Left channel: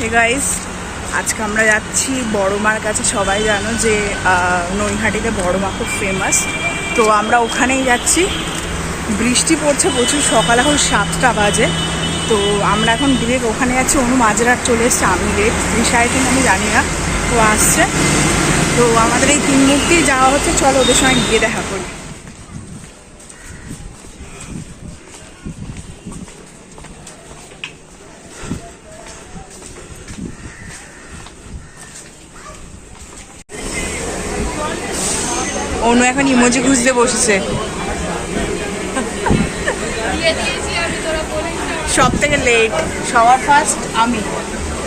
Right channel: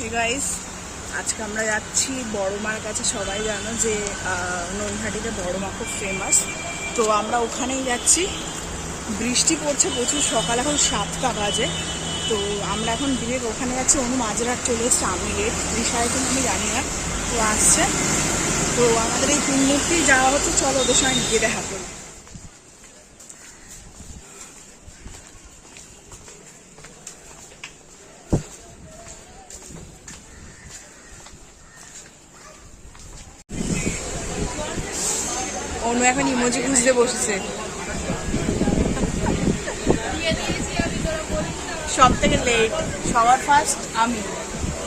Hey guys, আজকে আমরা যাচ্ছি বড় মার কাছে। সবাই জানো যে নৈহাটিতে বড় মা খুব ফেমাস, তো আমরা ওখানেই যাচ্ছি। বৃষ্টি পড়ছে প্রচুর, সকাল এখন 7টা বাজে। তো আমরা এখন ডিরেক্ট ওখানে যাচ্ছি। অনু মাঝরাট চলে এসছে, আমি লেট, রিসায় কিন্তু আমি জানি না ও আসছে। তো আমাদের এই 3 মূর্তি যাওয়া হচ্ছে, চলো ওদের সঙ্গে গিয়ে দেখা করি। অনু এখন ইমোজি খুঁজতে বসেছে। সব থেকে লেট, সবার ফার্স্ট আমি,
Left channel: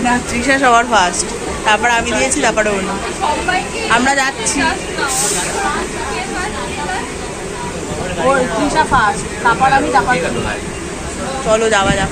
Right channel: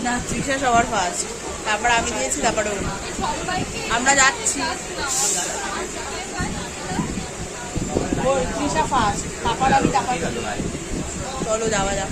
না তৃষা সবার ফার্স্ট, তারপর আমি দিয়েছি, তারপরে অনু। আমরা যাচ্ছি, ওই তৃষা ফার্স্ট, তারপর আমি, তারপর চলো যাওয়া যাক।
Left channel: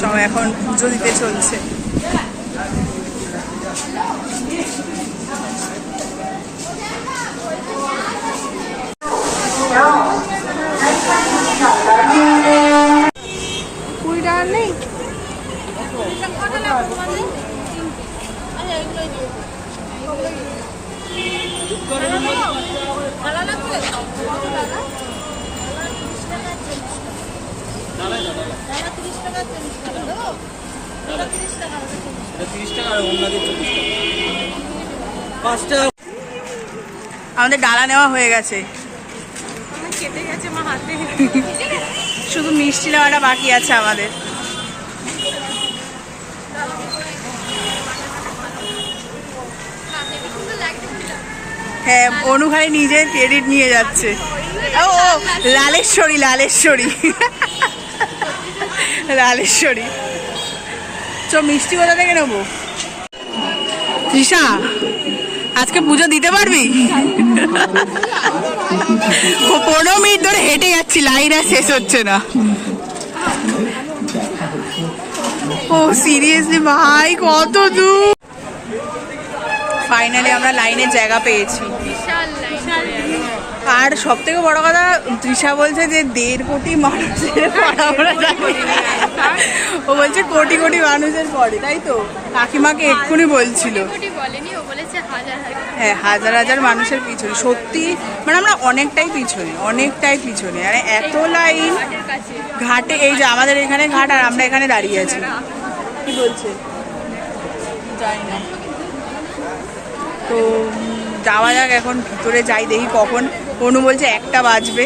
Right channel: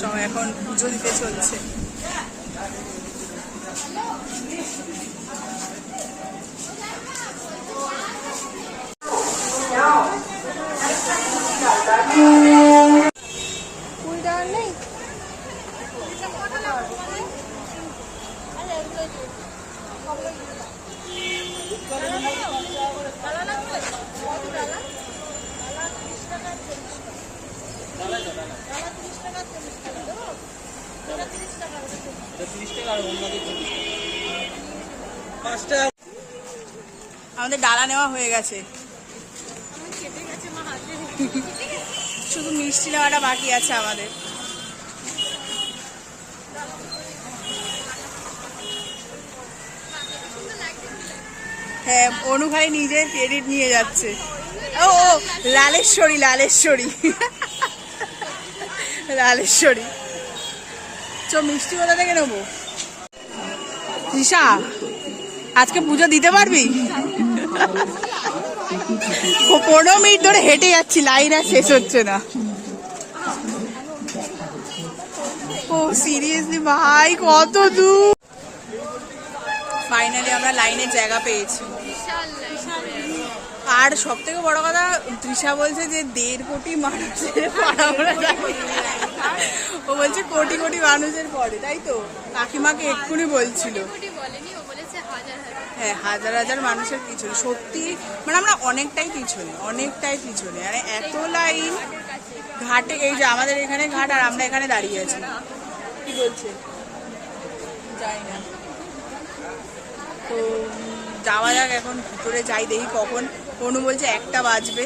সব এখন পুজো দিতে চলছে। আমাদের ডালা নেওয়া হয়ে গেছে, শুধু মিষ্টি নেওয়াটা বাকি আছে আমাদের। হ্যাঁ, অনু খালি নিজের ক্রেডিট নিয়ে যাচ্ছে। ও লালেশ্বরী, লালেশ্বরী, লালেশ্বরী। চ মিষ্টি কোথা থেকে নেবো? তৃষা, আজকে পুজো দিতে পারবি? 15 মিনিট ধরে হেঁটে যাচ্ছি, লাইন আর শেষ হচ্ছে না। ও সিরিয়াসলি ভাই, কত দূর। ফাইনালি আমরা লাইনের জায়গা পেয়েছি। আর সব থেকে বড় কথা, তৃষা বলছে যে 1.5 কোটি মানুষের পড়া যাবে। ও বলছে কোটি কোটি মানুষের পরে, তাই তো? কাকিমাকে এক্ষুনি বলছিল। হ্যাঁ, হাজার হাজার মানুষের পিছনে, সত্যি মানে আমরা অনেকটাই পিছনে, অনেকটাই পিছনে। আর এত লাইন ঘাটে, এই যে আমাদের এখানে ঘাট, আর আমরা এখানে দাঁড়িয়ে আছি। কি বলছে জানি না। তো যাওয়া যাক, এখন ভিতরে যাই, দেখি কখন। অনু বলছে 1টা বাজবে,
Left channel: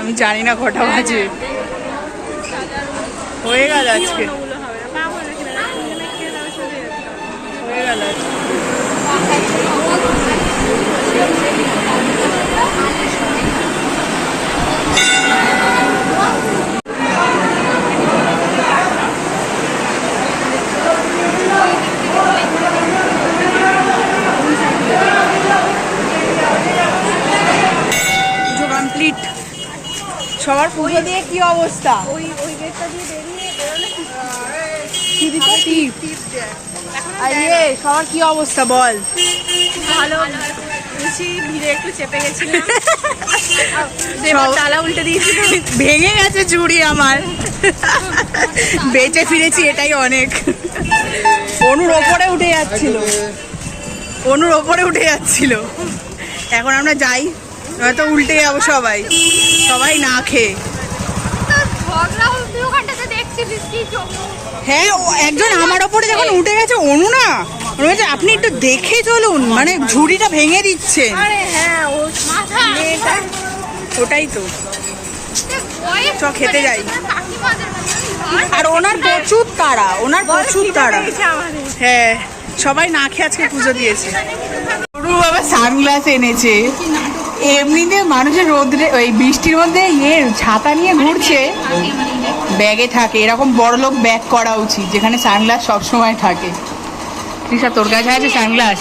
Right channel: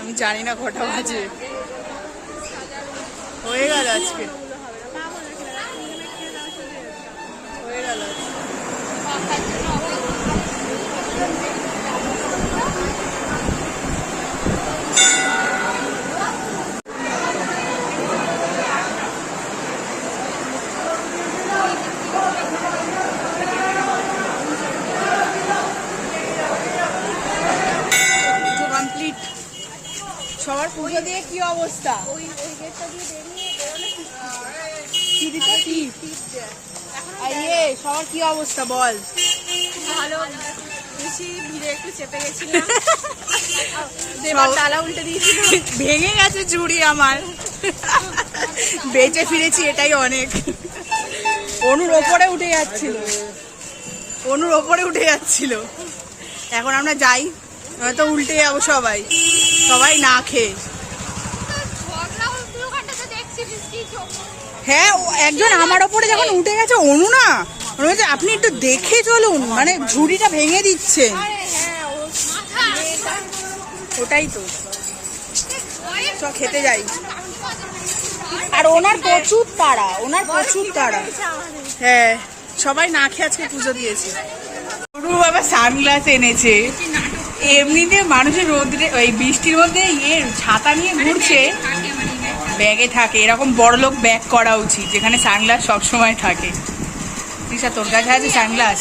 আমি জানি না কটা বাজবে। হয়ে গেল আজকে, হয়ে গেল আজকে। কমপ্লিট। সবার পুজো দিয়ে কি অবস্থা? ওই গেটটা দিয়ে বেরিয়ে বেরোলে কি দিতে টিপ। আরে সবার কি অবস্থা বল? ভালো, বেশি ভিড়ে একটু চেপে গেছিলাম, তালা উল্টে দিয়েছি, ভেঙে গেছে চুড়ি আমার। বেঁচে ফিরেছি, এটাই অনেক। অনুর ওপরে উঠে যাচ্ছিল, অনুর ওপরে উঠে যাচ্ছিল। এখন আমরা যাই, হয়তো উল্টে যাবো সবাই, সবাই না খেয়ে। হ্যাঁ, একজন আমার ওপরে যখন উঠে গেছে, অনু না, আপনি একটু দেখে চলুন, মানে ঝুড়িটা ভেঙে দিচ্ছে। ওটাই তো, চ খেতে যাই। আর ওনার প্রচুর তাড়া, ওনার প্রচুর তাড়া। হ্যাঁ, সবাই না খেয়ে আজকে পুজো দিয়েছে। অনু বাবা সানগ্লাস এনেছে। এমনিতে মানুষের রোদ্রে, ওই বৃষ্টির মধ্যে ছাতা নিয়ে ঘুরছে, ব্যাগে থাকে। এরকম বড় লোক ব্যাগ করা উচিত, যেখানে সানগ্লাস সবসময় থাকে। তৃষা, তোর কাছে আছে সানগ্লাস?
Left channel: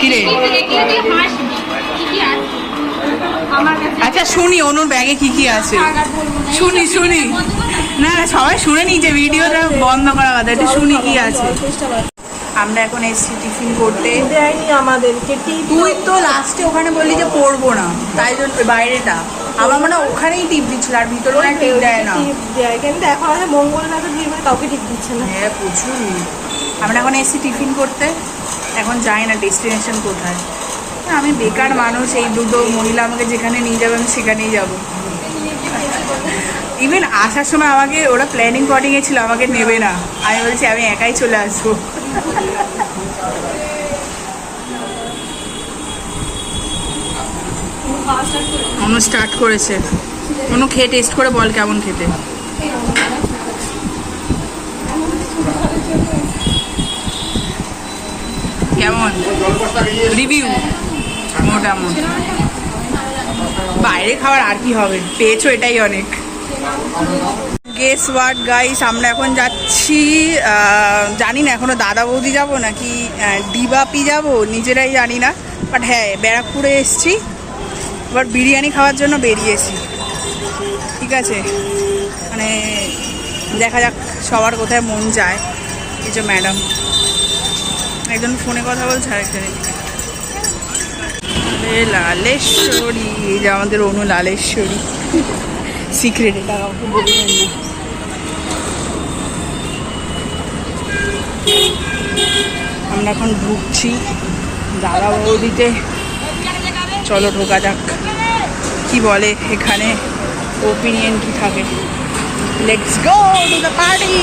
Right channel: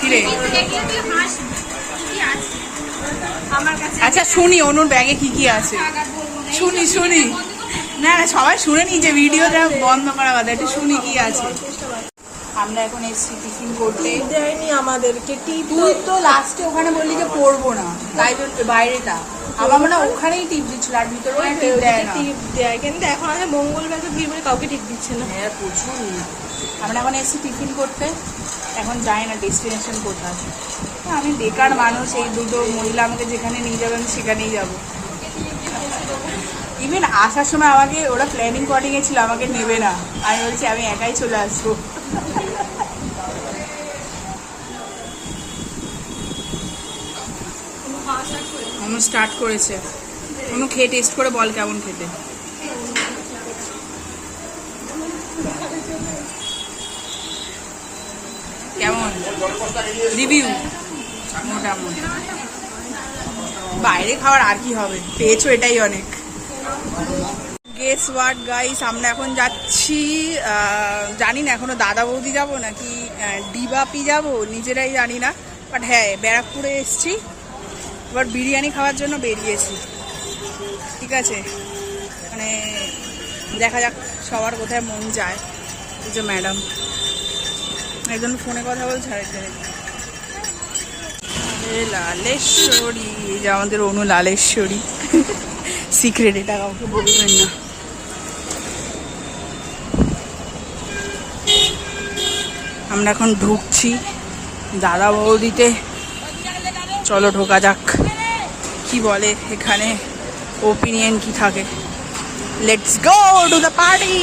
কিরে, আচ্ছা শুনি অনুর ব্যাগে কি কি আছে, শুনি শুনি। না না সবাই শুনে নিয়েছে, ভিডিওটা বন্ধ করা কথা, একটু শুনি কি আছে। আমরা এখন এসছি টিফিন করতে। দেয়নি আমাদেরকে টিপ। তুই তো লাস্টে ওখানে বললি যে পড়বো না, তাই জন্য বাইরেটা আমার মানে ওখানেই টিপ দিচ্ছিল, আর ভিতরে মানে টিপ দেয় না। টিপ দেয় কিন্তু এখন আমাদের মঙ্গলবার ভিড় মানে কাউকে টিপ দিচ্ছে না। হ্যাঁ প্রচুর। আমরা এখন এসছি টিফিন করতে, এখন যাই না ডেস্টিনেশন কোথায়। আমি বেকার মানুষ, এই দুটো মহিলা আমাকে যেখানে নিয়ে যাবে আমি সেখানেই যাব। ইভেন আসার সময় আমাকে ওরা প্ল্যানিং করিং ছিল, আমাকে নেবে না, আমি বলছি আমি একাই চলে আসবো। অনু স্টার্ট করেছে, অনু খেয়ে টেস্ট করে বল কেমন খেতে। কেমন রিভিউ? মোটামুটি। বাইরে খাওয়ার আর কি হবে, পেয়েছো এটাই অনেক। গেস হোয়াট গাইস, আমরা এখন যাচ্ছি, জানি না এখনো দাদা বৌদি যাবো নাকি ডিবাপি যাবো, নিজেরাই জানি না। বাট হ্যাঁ ব্যারাকপুরে এসছি, এবার বিরিয়ানি খাওয়ার জন্য বেরিয়েছি। ঠিক আছে, মানে দেখা যাক সবার কোথায় মন যায়। এই যে ম্যাডাম, একজন ফোনে কথা বলছে, আরেকজন লালেশ্বরী, এই যে আমাদের অনু লালেশ্বরী, সিক্রেট, এটা কাউকে বলবেন না। আমরা এখন ঢুকছি দাদা বৌদিতে, চলো ঢোকা যাক, কি বলে এখানে, ওপিনিয়ন কি থাকে। Let's go to the party.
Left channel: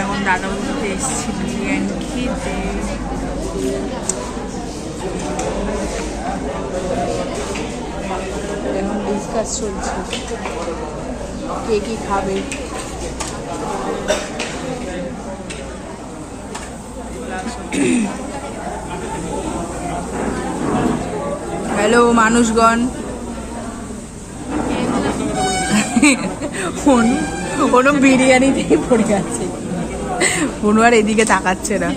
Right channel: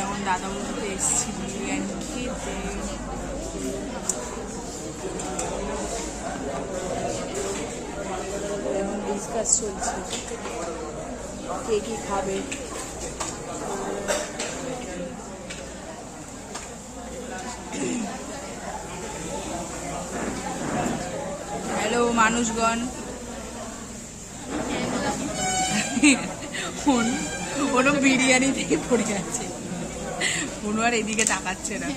এখন দাদা বলতে এসেছি বিরিয়ানি খেতে। এখন ডিসকাস চলছে কে কি খাবে। হ্যালো মানুষগণ, কোনো বিরিয়ানিতেই পড়ে যাচ্ছে, কোনো আর এদিকে তাকাচ্ছে না।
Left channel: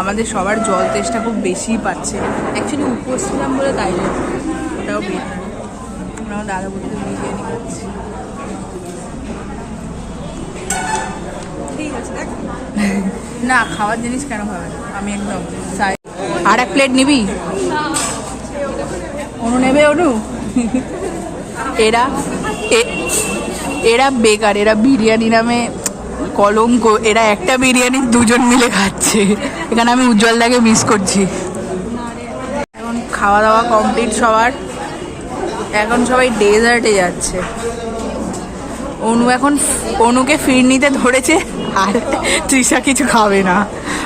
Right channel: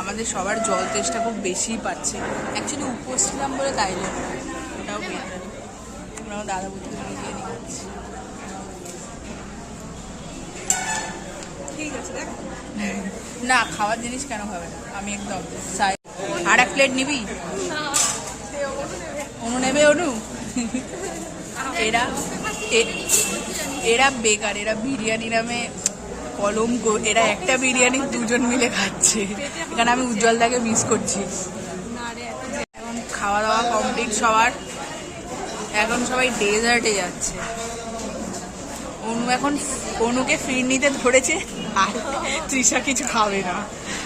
আমাদের সবার জল তেষ্টা খুব বেশি পাচ্ছে, অ্যাকচুয়ালি উপোস ছিলাম বলে, তাই জন্য ওটাও বেটার। আমরা দাদা বলতে বিরিয়ানি খাচ্ছি। না খাওয়ার জিনিস কেন খাবে না, আমি একদম চাই। আর এক প্লেট নিবি? অনু নেবে? অনু এরা বেকার, এরা বিরিয়ানি নামে কলঙ্ক, এরা একটা বিরিয়ানি দুজন মিলে খাচ্ছে। এখানে আমি উজ্জ্বলদাকে মিস করছি। এখন খাওয়া দাওয়া কমপ্লিট সবার, এখন সবাই ডেজার্টে যাচ্ছে। অনুকে ফিরনিতে ধরেছে, আর তৃষা কিছু খাবে না,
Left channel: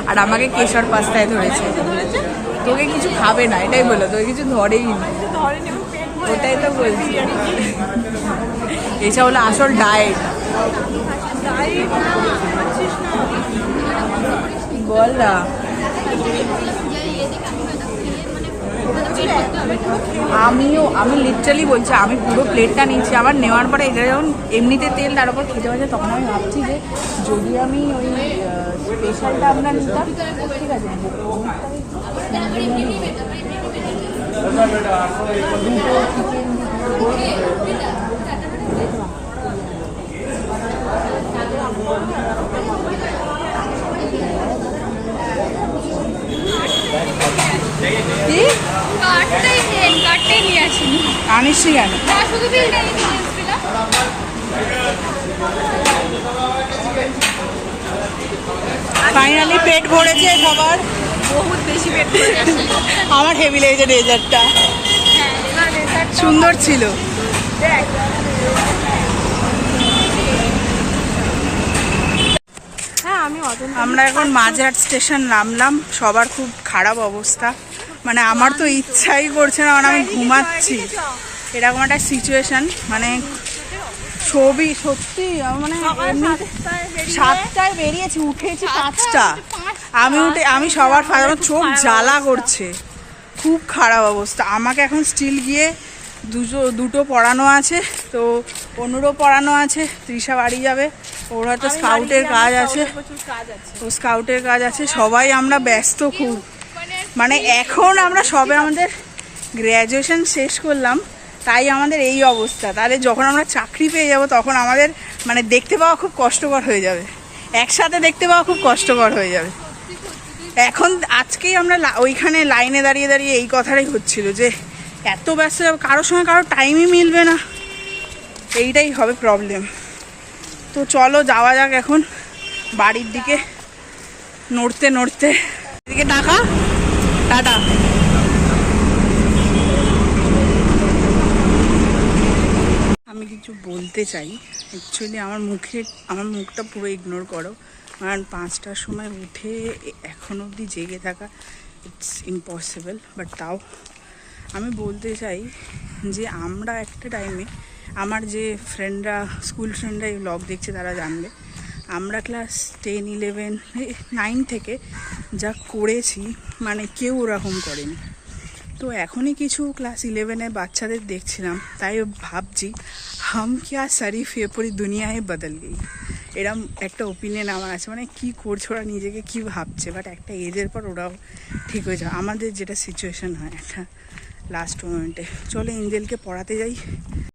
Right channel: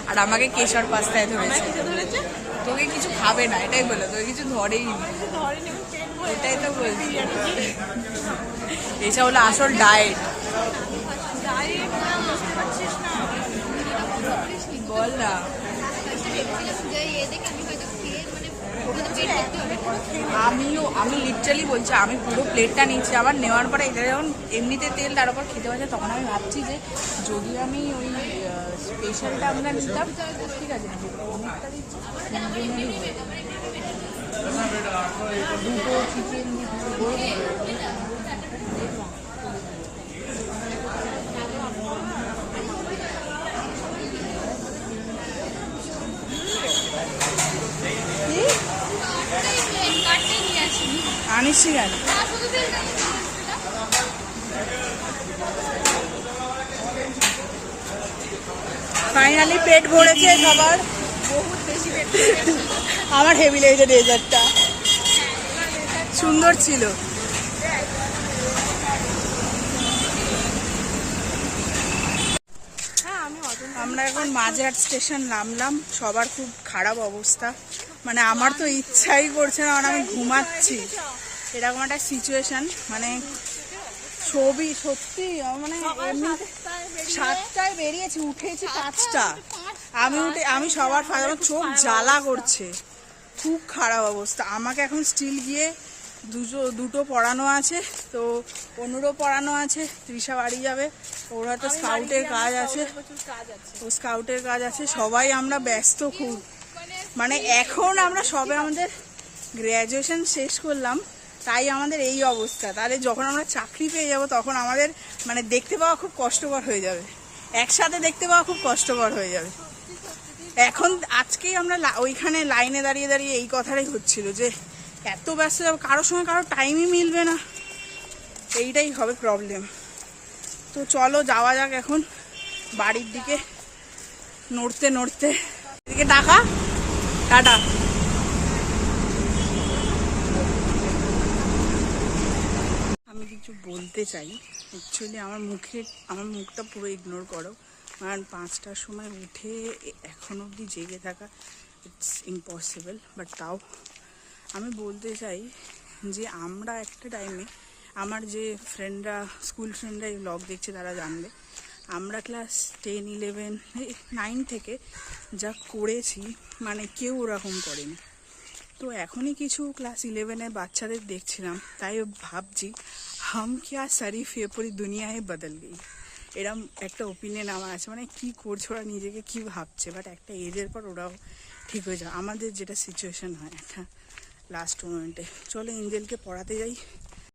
আর আমাকে কেশর পাস্তায় ধরেছে। তোকে কিছু খাবে না এটাই বললো, তোকে কিছু ধরেই না, ওটাই তো বলছি। এটা হলো আসল ডায়েট। বল না, আমি লিটারালি বলছি, আমি পুরো প্লেটটা নিচ্ছি। আমার নেওয়ার পরে এটা যখন এমনিতে তেল তার উপর খেতে পারছে, তখন আমি ভাবছি যে যদি আমি ওই স্পেশালটা আমরা নিতাম, ঠিক আছে, দুটো চিকেন আনিসি কেন? ফাইনালি পেট ভরেছে সবার, বহুত বেশি পেট। আমার হেভি লেগেছে ডেজার্টটা, সুন্দর ছিল। আমরা এখন মাঝহাট স্টেশন নামলাম, সবার খুব খারাপ অবস্থা, মানে আমার তো ইচ্ছাই করছে না, মানে আমি ঘুমাচ্ছি, এরকম একটা সিচুয়েশন। মানে ছবি সত্যি, মানে এমনিতে 7টায় বেরিয়েছি, উঠেছি 5টা, আমি সবার চোখ জ্বালা করছে, খুব খারাপ অবস্থা। আমাকে এখন স্টিল গিয়ে দুটো পড়ানো আছে, তো অনুরও পড়ানো আছে, তৃষা বাড়ি যাবে, ওর হয়তো স্কাউটের কাজ আছে, ও স্কাউটের কাজ আছে, সবাই আমরা ব্যস্ত খুব। মানে এখন আমরা সবে আমাদের গ্র্যাজুয়েশন শেষ করলাম, তাই আমাদের এই অবস্থা। তাহলে যখন আমরা চাকরি পেয়ে যাব তখন আমাদের মানে দেখতে পাওয়া খুব কষ্টকর হয়ে যাবে, একসাথে দেখতে পাওয়া খুব কষ্টকর হয়ে যাবে। এখন আজকেই আমরা ওইখানে লাইনে দাঁড়িয়ে দাঁড়িয়ে এই কথাটাই হচ্ছিল যে এত ব্যস্ত যাবো, কারোর সঙ্গে কারোর টাইমই মিলবে না, এইটাই হবে প্রবলেম। তো চলো যাওয়া যাক এখন বাড়ির দিকে, নড়তে নড়তে। এদিকে টাকা টাটা। আমি কিছু বলতে চাই, অ্যাকচুয়ালি আমার মুখটা পুরো ইগনোর করো, কারণ 5টার সময় উঠে এখন অবধি জেগে থাকা ইটস ইম্পসিবল। বাট তাও আমি বলতে চাই যে আমরা একটা টাইমে, আমার যে ফ্রেন্ডরা, স্কুল ফ্রেন্ডরা এই ব্লগ দেখছে তারা জানবে, আমরা ক্লাস 10, 11, 9 থেকে যা করেছি মানে কেউ ওরকম করেনি। তো এখনই কিছু ক্লাস 11-এর বাচ্চাদের দেখছিলাম, তাই ভাবছি হাম ক্যা শরীফ এ পুরি দুনিয়ায় বদল গই, এরম একটা ওপিনিয়ন আমার আছে। মানে কী করছে ওরা, নিজেকে কী ভাবছে, বাট একটা এজের পর ওরাও ঠিক হয়ে যায়। আমাদের যেটা সিচুয়েশান হয় একটা লাস্ট মোমেন্টে। চলো এঞ্জেলকে পড়াতে যাই।